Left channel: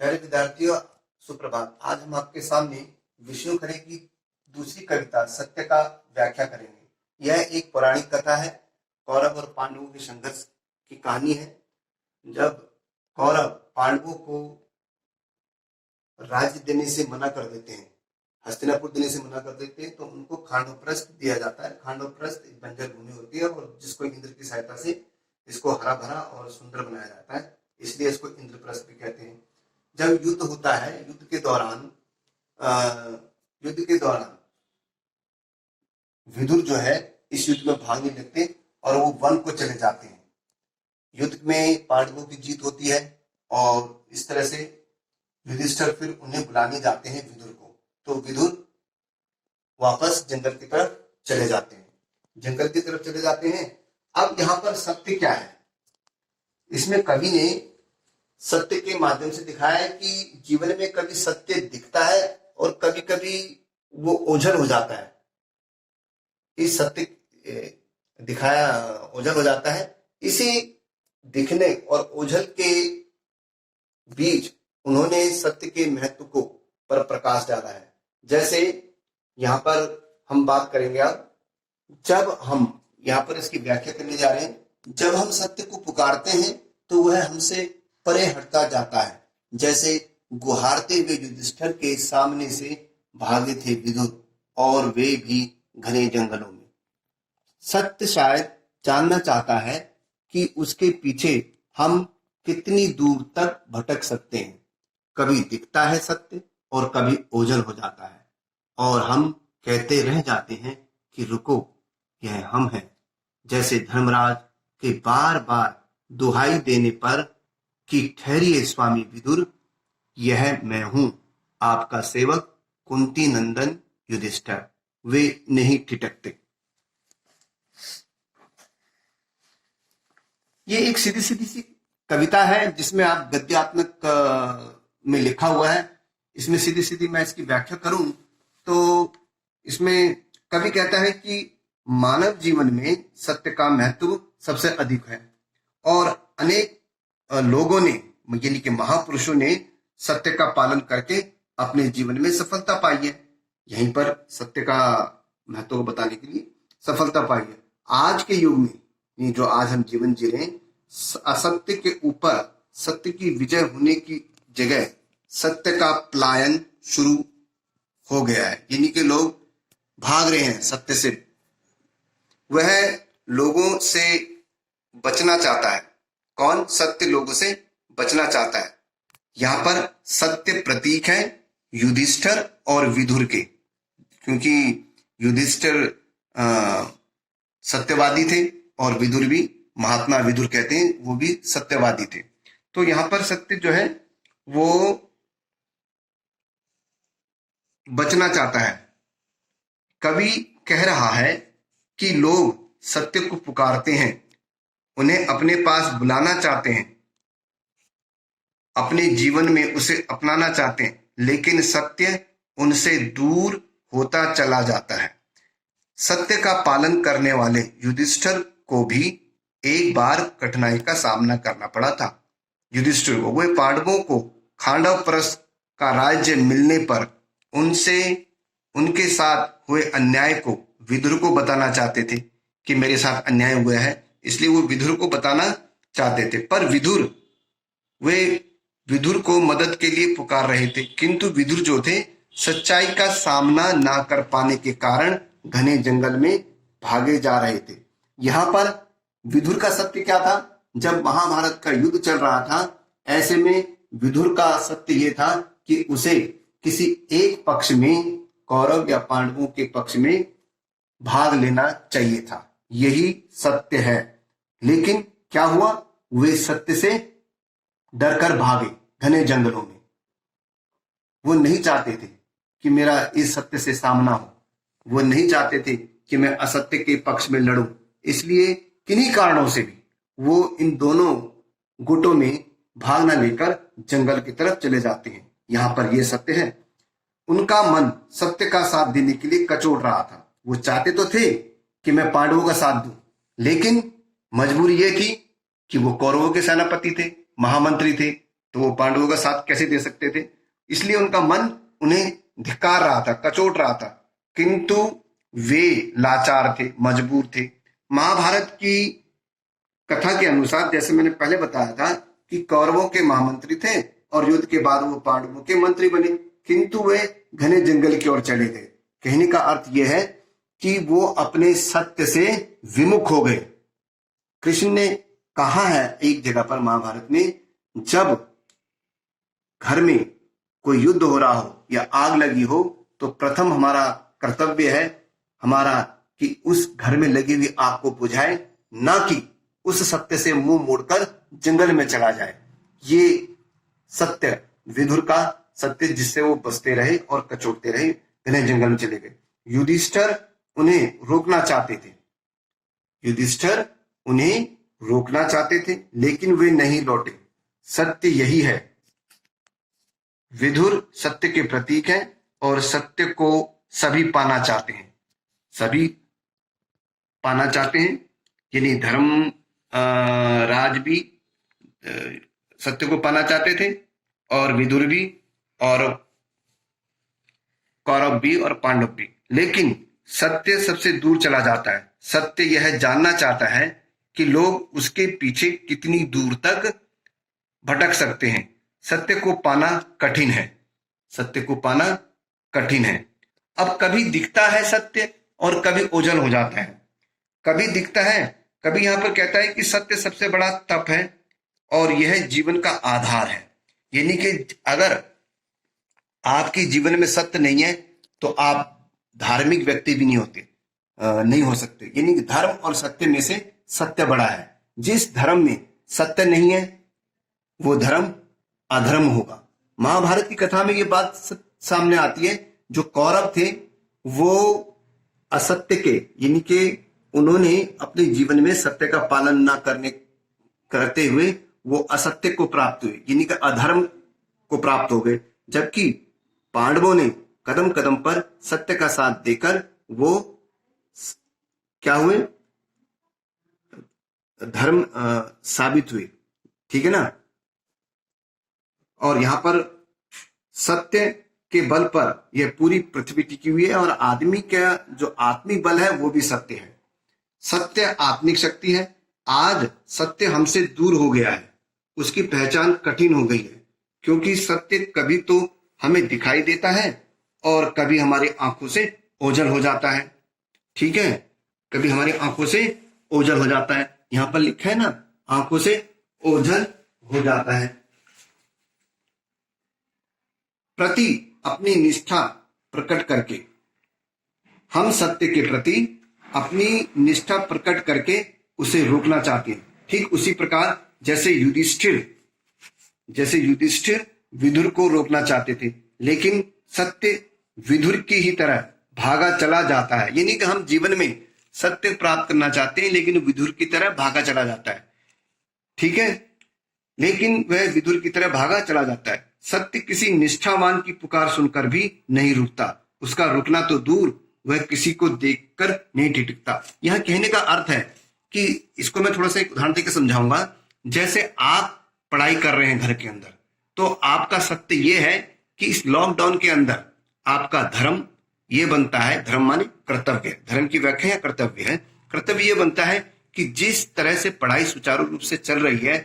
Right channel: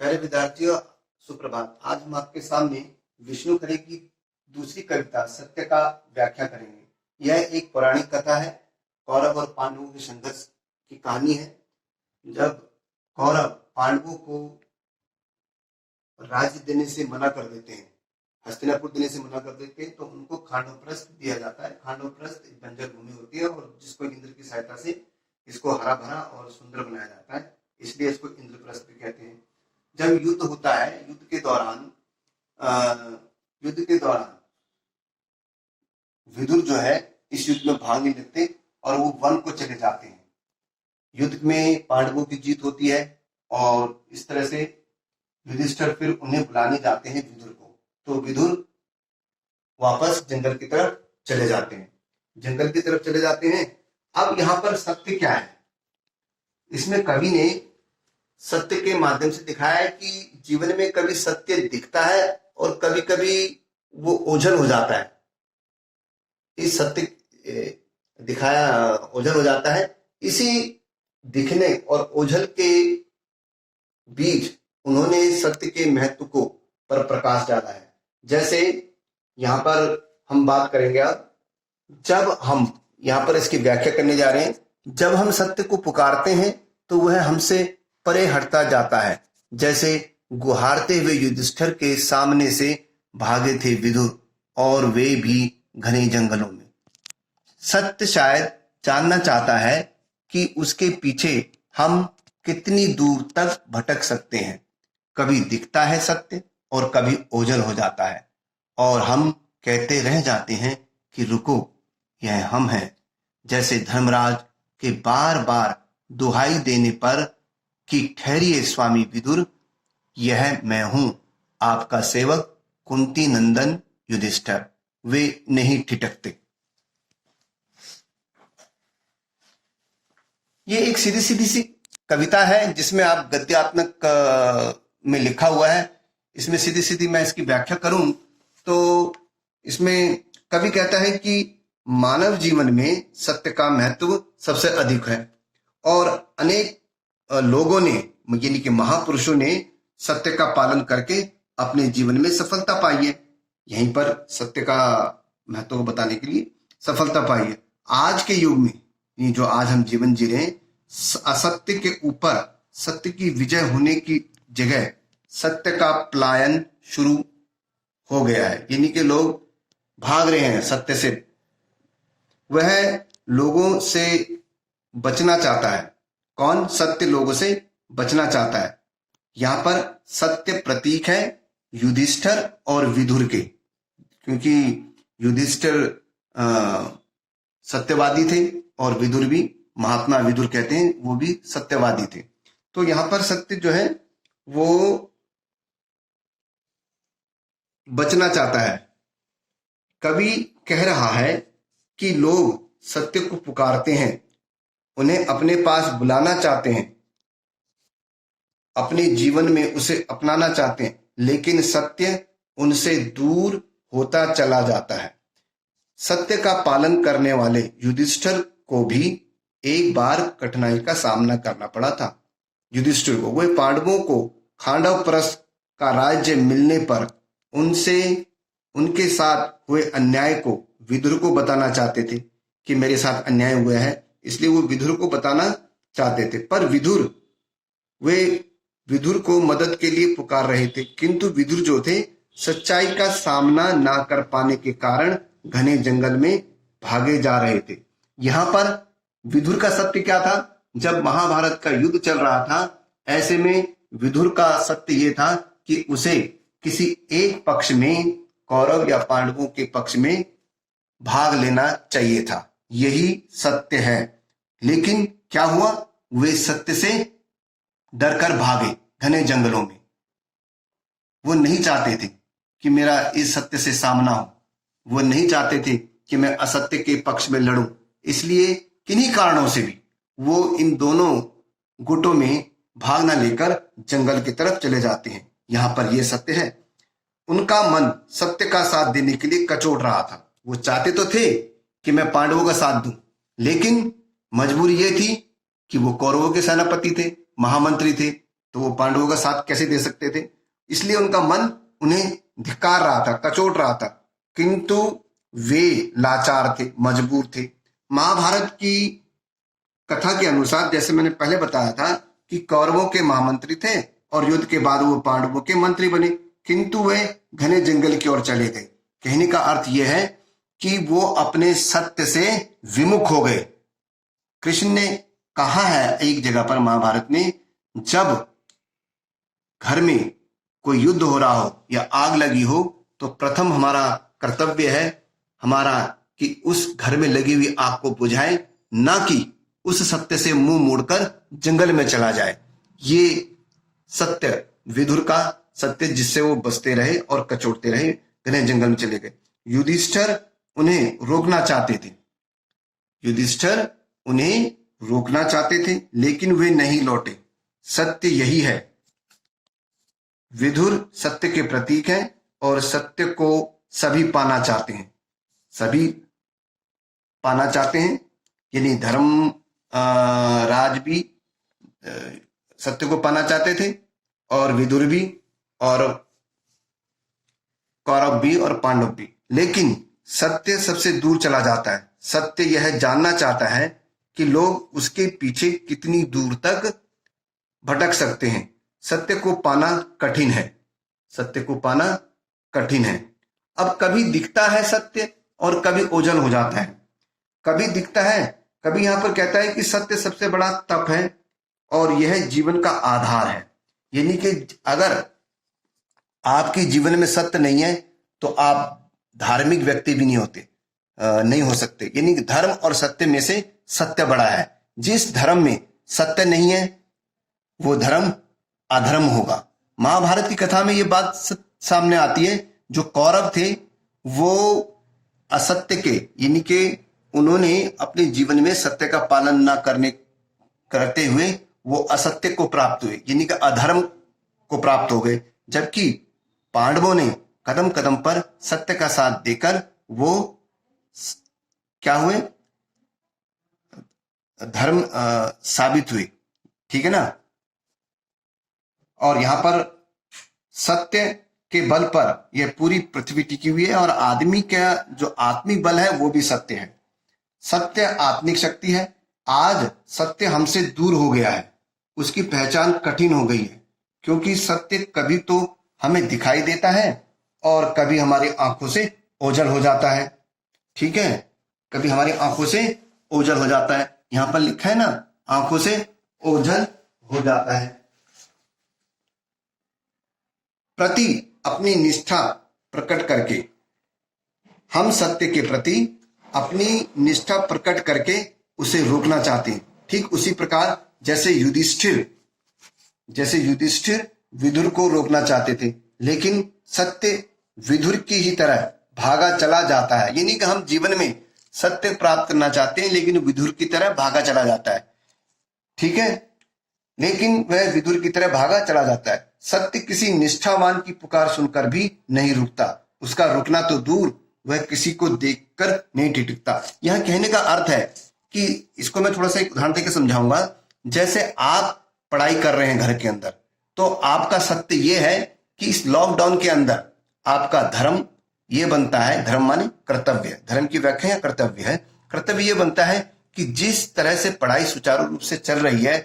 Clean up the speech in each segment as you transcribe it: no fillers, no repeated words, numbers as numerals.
प्यारे विद्यार्थियों, सुप्रभात। आज हम आपके सामने विष्णु खरे की दूसरी कविता सत्य का व्याख्या करेंगे। यह एक पौराणिक कथा है। कौरव और पांडवों के संघर्ष की कहानी है। जब कौरव पांडवों को राज्य देने से मना कर देते हैं, हस्तिनापुर देने से मना कर देते हैं, तो उनको खांडवप्रस्थ दिया जाता है। खांडवप्रस्थ एक बंजर भूमि होती है और जिसको इंद्र की सहायता से इसको हरा भरा और सुंदर बनाया जाता है, इसलिए इसको इंद्रप्रस्थ भी कहते हैं। जब युद्ध होता है, युद्ध के दौरान विदुर जो है इस युद्ध में भाग नहीं लेते और वो वन को चले जाते हैं। युद्ध में पांडवों की जीत होती है और इस तरह से युधिष्ठिर फिर उन्हें बुलाने जाते हैं विदुर को। तो विदुर वापस जंगल की तरफ चले जाते हैं। अब यहाँ पर सत्य क्या है? इसमें कवि ने सत्य के माध्यम से दिखाया है कि जीवन में कभी सत्य दिखता है और कभी कभी वो ओझल हो जाता है। इस सत्य दिखाया ओझल हो जाता है। इसी दिखने और ओझल के बीच उन्होंने सत्य के महत्व को पर प्रकाश डाला है। जैसे यहाँ पर हम बात करेंगे अब, जब हम यहाँ पर इसकी व्याख्या करने जा रहे हैं। जब हम सत्य को पुकारते हैं तो वह हमसे परे हटता जाता है। जैसे गुहारते हुए युधिष्ठिर के सामने से भागे थे विदुर, और वे भी घने जंगलों में। सत्य शायद जानना चाहता है कि उसके पीछे हम कितनी दूर तक भटक सकते हैं। कभी दिखता है सत्य और कभी ओझल हो जाता है और हम कहते रह जाते हैं कि रुको, यह हम हैं। जैसे धर्मराज के बार बार दुहाई देने पर कि ठहरिए स्वामी विदुर, यह मैं हूं आपका सेवक कुंती नंदन युधिष्ठिर। वे नहीं ठिठकते। ये एक सीधी सीधी सी कविता है जिसमें आप गद्यात्मक में लिखा हुआ है। इसमें सीधी सीधी मैं इसकी व्याख्या करूं तो इसमें कवि कहता है कि मानव जीवन में सत्य का महत्व सबसे अधिक है और अनेक लोगों ने, यानी कि महापुरुषों ने सत्य का पालन करके अपने जीवन में सफलता पाई है। यहीं पर सत्य का महत्व को बताने के लिए सफलता पाई है। आज के युग में, ये जो आज हम जीवन जी रहे हैं, असत्य के ऊपर सत्य की विजय होने की जगह सत्य का पलायन शुरू हो गया है। यानी कि लोग भाग रहे हैं सत्य से। वह लोगों से बचना चाहता है। कौन? सत्य लोगों से बचना चाहता है। यहां पर सत्य प्रतीक है युधिष्ठिर और विदुर के, क्योंकि युधिष्ठिर सत्यवादी थे और विदुर भी, महात्मा विदुर कहते हैं, वो भी सत्यवादी थे। तो यहां पर सत्य जो है वो बचना चाहता है। कवि कह रहा है कि लोग सत्य को पुकारते हैं, उन्हें अपने पास बुलाना चाहते हैं, अपने जीवन में उसे अपनाना चाहते हैं, लेकिन सत्य उनसे दूर होता चला जाता है। सत्य का पालन करने वाले युधिष्ठिर को भी एक बार कठिनाई का सामना करना पड़ा था। युधिष्ठिर को, वे पांडवों को खांडवप्रस्थ का राज्य मिलने पर उनके साथ हुए अन्याय को विदुर को बताना चाहते थे कि मेरे साथ अन्याय हुआ है, इसलिए वो विदुर को बताना चाहते थे। पर वे विदुर को मदद के लिए पुकार रहे थे, किंतु विदुर जो थे सच्चाई का सामना ना कर पाने के कारण घने जंगल में भागे जा रहे थे। यहां पर विदुर का सत्य क्या था? जब महाभारत का युद्ध चल रहा था, ऐसे में विदुर का सत्य यह था कि उसे किसी एक पक्ष में, कौरव या पांडवों के पक्ष में भाग लेना चाहिए था। यही सत्य है। लेकिन क्या हुआ? वे सत्य से डरकर भागे घने जंगलों में। वो नहीं चाहते थे कि मेरा इस सत्य से सामना हो। वो नहीं चाहते थे कि मैं असत्य के पक्ष में लड़ूं। इसलिए किन्हीं कारणों से भी वो इन दोनों गुटों में भाग न लेकर जंगल की तरफ चले जाते हैं। यहां पर यह सत्य है। उनका मन सत्य का साथ देने के लिए कचोट रहा था। वो चाहते तो थे कि मैं पांडवों का साथ दूं, लेकिन मजबूरी यह थी कि वो कौरवों के सेनापति थे, महामंत्री थे, तो वो पांडवों का साथ कैसे दे सकते थे? इसलिए उनका मन उन्हें धिक्कार रहा था, कचोट रहा था, किंतु वे लाचार थे, मजबूर थे। महाभारत की कथा के अनुसार, जैसे मैंने पहले बताया था, कि कौरवों के महामंत्री थे और युद्ध के बाद वो पांडवों के मंत्री बने, किंतु वे घने जंगल की ओर चले गए। कहने का अर्थ यह है कि वो अपने सत्य से विमुख हो गए। कृष्ण ने कहा है एक जगह पर महाभारत में, जब घर में कोई युद्ध हो रहा हो या आग लगी हो तो प्रथम हमारा कर्तव्य है हमारा कि उस घर में लगी हुई आग को बुझाए, ना कि उस सत्य से मुंह मोड़कर जंगल में चला जाए। ये सत्य, विदुर का सत्य, जिससे वो बसते रहे और कचोटते रहे, घने जंगल में चले गए। युधिष्ठिर उन्हें रोकना चाहते थे, युधिष्ठिर उन्हें रोकना चाहते थे, लेकिन वे नहीं लौटे। सत्य यही है, विदुर सत्य के प्रतीक हैं और सत्य को सभी पाना चाहते हैं, सभी पाना चाहते हैं। यानी धर्म राज भी सत्य को पाना चाहते थे, और विदुर भी, और कौरव भी, और पांडव भी। लेकिन सत्य सबसे दूर चला जाता है। सत्य यह जानना चाहता है कि लोग उसके पीछे कितनी दूर तक भटक सकते हैं। सत्य को पाना कठिन है, सत्य को पाना कठिन है। अब कभी दिखता है सत्य और कभी ओझल हो जाता है। कभी दिखता है, कभी यहां पर कहता है कि सत्य सबसे बड़ा तप है और यह जीवन का आधार है। यानी कि अगर आपके जीवन में सत्य नहीं है तो आप धार्मिक व्यक्ति भी नहीं होते, नहीं हो सकते। यानी कि धर्म और सत्य में से सत्य बड़ा है। जिस धर्म में सत्य नहीं है वो धर्म अधर्म होगा। महाभारत की कथा में ये बात सामने आती है। जो कौरव थे वो असत्य के, यानी कि उन्होंने अपने जीवन में सत्य का पालन न करते हुए वो असत्य को प्राप्त हुए, यानी कि अधर्म को प्राप्त हो गए। जबकि पांडवों ने कदम कदम पर सत्य का साथ देकर वो क्या हुए, धर्म साबित हुए। ठीक है ना। और यहां पर सत्य के बल पर यह पूरी पृथ्वी टिकी हुई है, और आदमी का जो आत्मिक बल है वो भी सत्य है। सत्य आत्मिक शक्ति है। आज सत्य हमसे दूर हो गया है, उसकी पहचान कठिन हो गई है, क्योंकि सत्य कभी तो हमें दिखाई देता है और कभी हमारी आंखों से ओझल हो जाता है। ठीक है, कभी हमारी आंखों से ओझल हो जाता है। यहां पर लिखा है ना, आंखों से ओझल हो जाता है। प्रति अपनी निष्ठा प्रकट करके, हम सत्य के प्रति अपनी निष्ठा प्रकट करके उसे रोकना चाहते हैं। ठीक उसी प्रकार जैसे युधिष्ठिर विदुर को रोकना चाहते थे, लेकिन सत्य विदुर की ही तरह भागा चला जाता है। यानी कि हम जीवन में सत्य प्राप्त करना चाहते हैं, लेकिन विदुर की तरह भागा चला जाता है। ठीक है, लेकिन वह विदुर की तरह भागा चला जाता है। सत्य किसी निष्ठावान की पुकार सुनकर भी नहीं रुकता, उसका रुकना तो दूर, वह किसी को देखकर नहीं टिकता। यह कहने का अर्थ है कि, इसको मैं थोड़ा सा एक उदाहरण देकर समझाऊंगा। जैसे आप पढ़ाई कर रहे हैं घर के अंदर, तो आपका सत्य यह है कि इस लॉकडाउन के अंदर आपका धर्म ये बनता है, धर्म माने कर्तव्य, धर्म की व्याख्या कर्तव्य है। कर्तव्य ये बनता है कि जिस तरह से पढ़ाई सुचारू रूप से चल रही है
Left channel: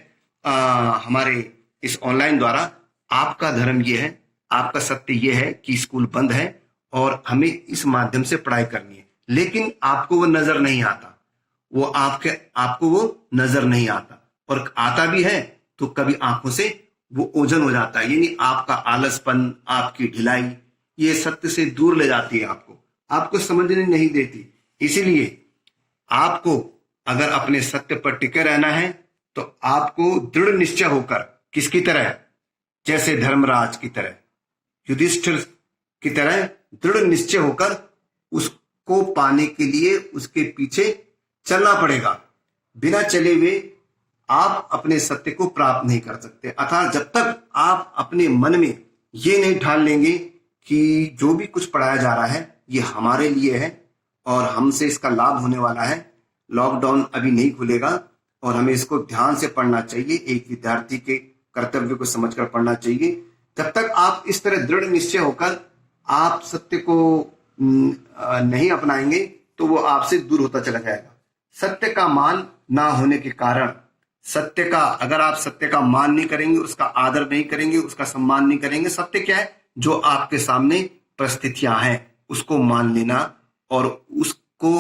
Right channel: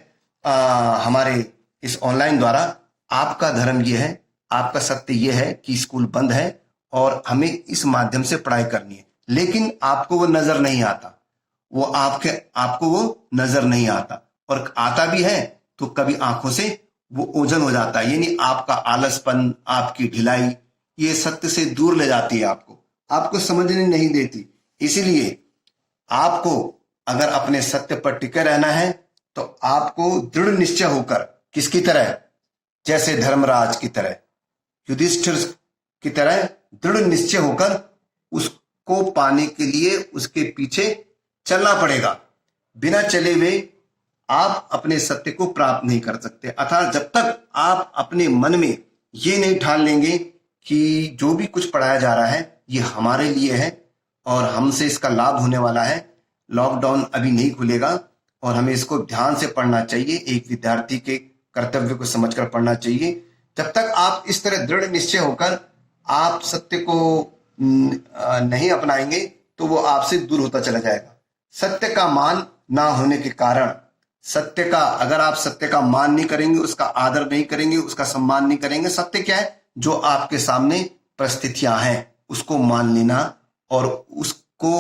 हमारे इस ऑनलाइन द्वारा, आपका धर्म ये है, आपका सत्य ये है कि स्कूल बंद है और हमें इस माध्यम से पढ़ाई करनी है। लेकिन आपको वो नजर नहीं आता, वो आपको वो नजर नहीं आता, और आता भी है तो कभी आंखों से वो ओझल हो जाता है। यानी आपका आलसपन, आपकी ढिलाई, ये सत्य से दूर ले जाती है, आपको समझने नहीं देती। इसीलिए आपको अगर अपने सत्य पर टिके रहना है तो आपको दृढ़ निश्चय होकर, किसकी तरह, जैसे धर्मराज की तरह, युधिष्ठिर की तरह दृढ़ निश्चय होकर उसको पाने के लिए उसके पीछे चलना पड़ेगा। बिना चले हुए आप अपने सत्य को प्राप्त नहीं कर सकते। अर्थात जब तक आप अपने मन में ये नहीं ठान लेंगे कि जो भी कुछ पढ़ाया जा रहा है ये हमारे लिए है और हमसे इसका लाभ होने वाला है, लॉकडाउन अभी नहीं खुलेगा और हमें इसको ध्यान से पढ़ना चाहिए, एक विद्यार्थी के कर्तव्य को समझकर पढ़ना चाहिए। जब तक आप इस तरह दृढ़ निश्चय होकर आप सत्य को नहीं अपनाएंगे तो वो आपसे दूर होता चला जाएगा। सत्य का मान ना होने के कारण, अगर आप सत्य का मान नहीं करेंगे, उसका आदर नहीं करेंगे, उसका सम्मान नहीं करेंगे, सत्य क्या है? जो आपके सामने परिस्थितियां हैं उसको मान लेना और उसको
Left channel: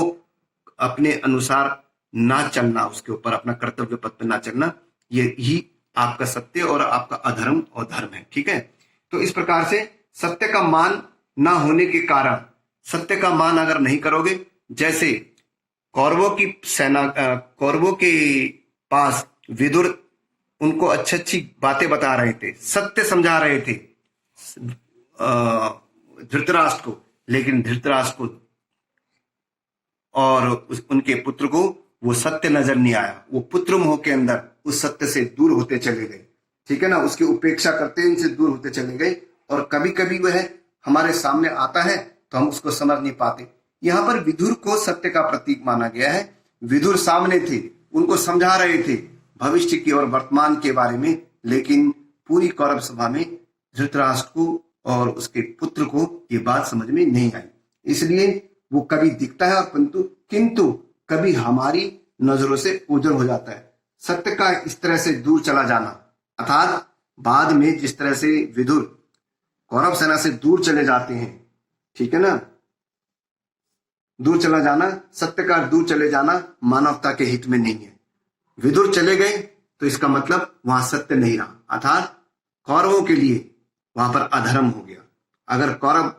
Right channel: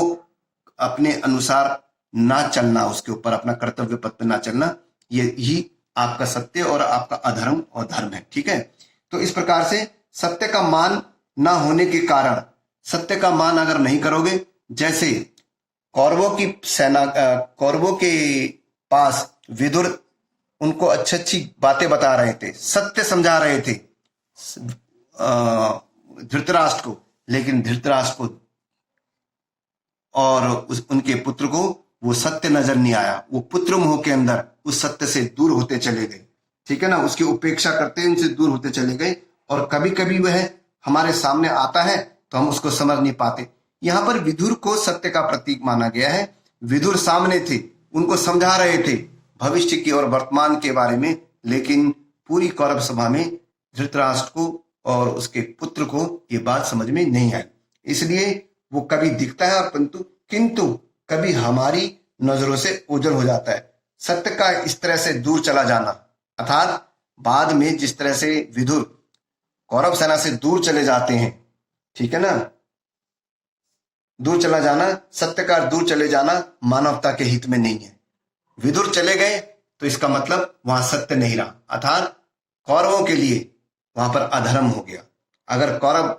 अपने अनुसार ना चलना, उसके ऊपर अपना कर्तव्य पथ पे ना चलना, ये ही आपका सत्य और आपका अधर्म और धर्म है। ठीक है, तो इस प्रकार से सत्य का मान ना होने के कारण, सत्य का मान अगर नहीं करोगे, जैसे कौरवों की सेना, कौरवों के पास विदुर उनको अच्छी अच्छी बातें बता रहे थे, सत्य समझा रहे थे धृतराष्ट्र को, लेकिन धृतराष्ट्र को और उनके पुत्र को वो सत्य नजर नहीं आया। वो पुत्र मोह के अंदर उस सत्य से दूर होते चले गए। ठीक है ना, उसकी उपेक्षा करते उनसे दूर होते चले गए। और कभी कभी वह हमारे सामने आता है तो हम उसको समझ नहीं पाते। यहाँ पर विदुर को सत्य का प्रतीक माना गया है। विदुर सामने थे, उनको समझा रहे थे भविष्य की और वर्तमान के बारे में, लेकिन पूरी कौरव सभा में धृतराष्ट्र को और उसके पुत्र को ये बात समझ में नहीं आई। इसलिए वो कभी दिखता है किंतु कभी हमारी नजरों से ओझल हो जाता है। सत्य का इस तरह से दूर चला जाना, अर्थात बाद में जिस तरह से विदुर कौरव सेना से दूर चले जाते हैं, ठीक है ना, दूर चला जाना, सत्य का दूर चले जाना मानवता के हित में नहीं है। विदुर चले गए तो इसका मतलब वहां सत्य नहीं रहा, अर्थात कौरवों के लिए वहां पर अधर्म हो गया। अगर कौरव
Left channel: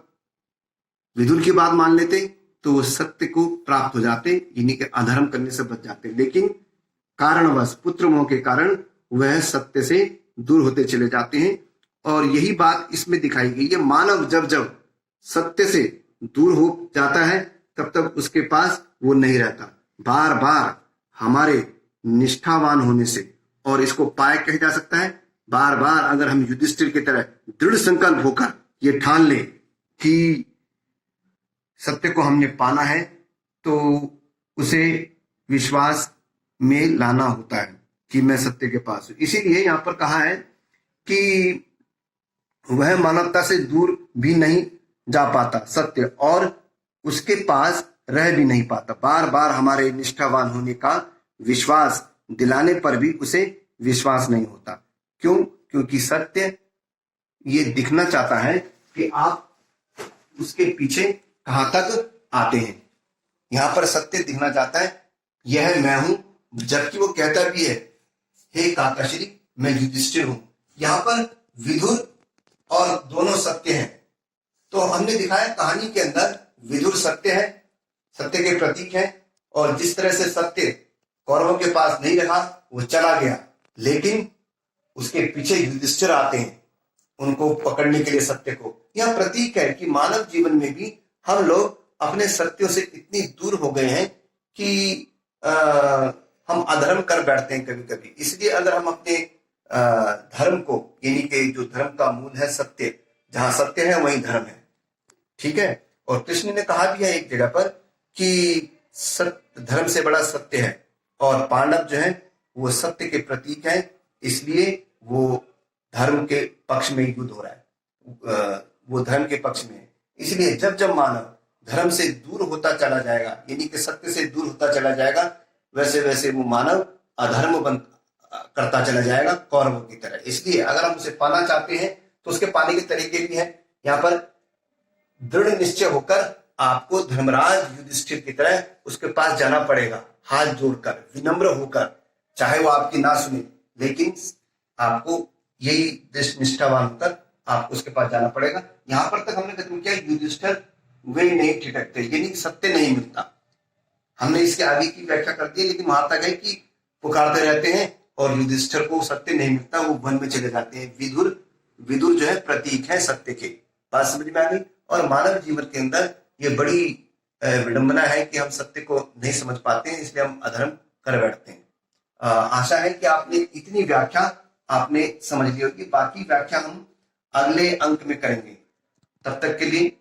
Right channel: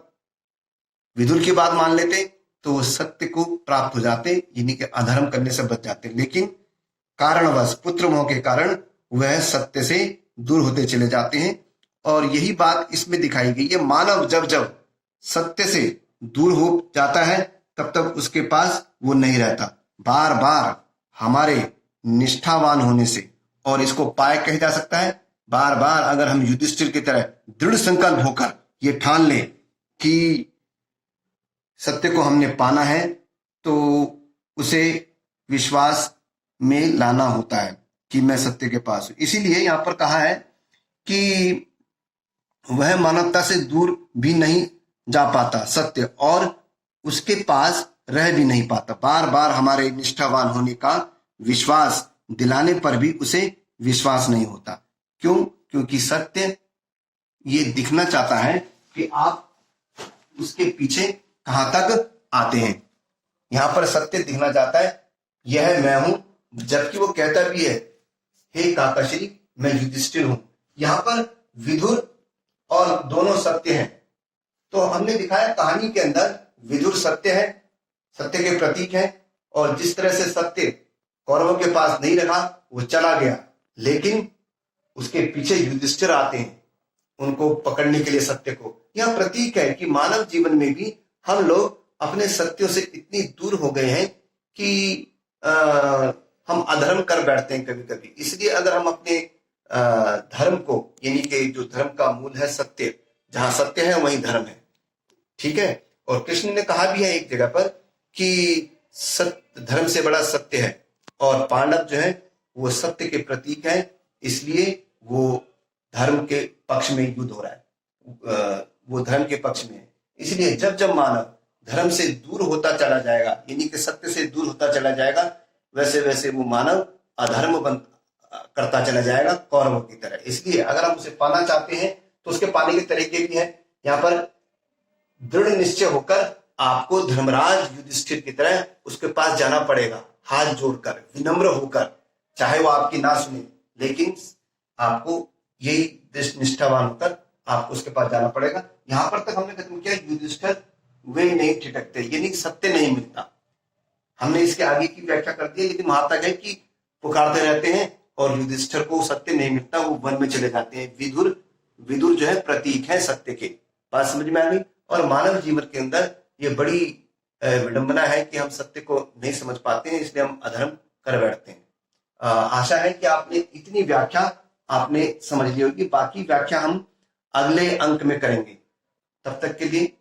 विदुर की बात मान लेते तो वो सत्य को प्राप्त हो जाते, यानी कि अधर्म करने से बच जाते, लेकिन कारणवश पुत्र मोह के कारण वह सत्य से दूर होते चले जाते हैं। और यही बात इसमें दिखाई गई है। मानव जब जब सत्य से दूर हो जाता है तब तक उसके पास वो नहीं रहता। बार बार हमारे निष्ठावान होने से, और इसको पाए कहा जा सकता है, बार बार अगर हम युधिष्ठिर की तरह दृढ़ संकल्प होकर ये ठान ले कि सत्य को हमने पाना है, तो उसे विश्वास में लाना होता है कि मैं सत्य के पास हूं। इसीलिए यहां पर कहा है कि वह मानवता से दूर भी नहीं जा पाता सत्य, और उसके पास रह भी नहीं पाता। बार बार हमारे निष्ठावान होने का विश्वास दिलाने पर भी उसे विश्वास नहीं होता। क्यों? क्योंकि सत्य ये दिखना चाहता है कि आप उसके पीछे कहां तक आते हैं। यहां पर सत्य दिखना चाहता है, यह मैं हूं, जबकि वो कहता भी है, हे काकाश्री मैं युधिष्ठिर हूं। यहां पर विदुर और दोनों सत्य हैं। तो हमने दिखाया कहानी के अंदर विदुर सत्य है, सत्य के प्रतीक है, और जिस तरह से सत्य कौरवों के पास नहीं रहा, वो चला गया, लेकिन उसके पीछे युधिष्ठिर आते हैं उनको पकड़ने के लिए सत्य को। यह प्रतीक है कि मानव जीवन में भी हम लोग अपने सत्यों से इतनी दूर हो गए हैं कि हम अधर्म कर बैठते हैं कभी कभी। इसलिए अगर हम अपने धर्म को, यानी कि जो धर्म का मूल है सत्य, जहां सत्य है वहीं धर्म है, ठीक है। और कृष्ण ने कहा भी है एक जगह पर कि सत्य धर्म से बड़ा सत्य है, और पांडव जो है वो सत्य के प्रतीक है, इसलिए वो धर्म के पक्ष में युद्ध हो रहा है, वो धर्म के पक्ष में है। इसलिए जब जब मानव धर्म से दूर होता चला जाएगा, यानी कि सत्य से दूर होता चला जाएगा, वैसे वैसे वो मानव अधर्म करता चला जाएगा कौरवों की तरह। इसलिए अगर हम उसे पाना चाहते हैं तो उसके पाने के तरीके भी हैं। यहाँ पर दृढ़ निश्चय होकर आपको धर्मराज युधिष्ठिर की तरह उसके पास जाना पड़ेगा, हाथ जोड़कर, विनम्र होकर, चाहे वो आपकी ना सुने, लेकिन आपको यही निष्ठावान होकर आपको उसके पास जाना पड़ेगा। यहां पर तक हमने खत्म किया, युधिष्ठिर वे नहीं ठिठकते, यानी सत्य नहीं मिलता। हमने इसके आगे की व्याख्या कर दी, लेकिन वहां तक है कि पुकारते रहते हैं और युधिष्ठिर को सत्य नहीं मिलता, वो वन में चले जाते हैं। विदुर जो है प्रतीक है सत्य के। बात समझ में आ गई? और मानव जीवन के अंदर ये बड़ी विडंबना है कि हम सत्य को नहीं समझ पाते हैं, इसलिए हम अधर्म कर बैठते हैं। आशा है कि आपने इतनी व्याख्या आपने समझ ली होगी। बाकी व्याख्या हम अगले अंक में करेंगे। तब तक के लिए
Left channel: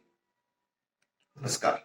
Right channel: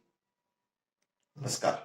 नमस्कार।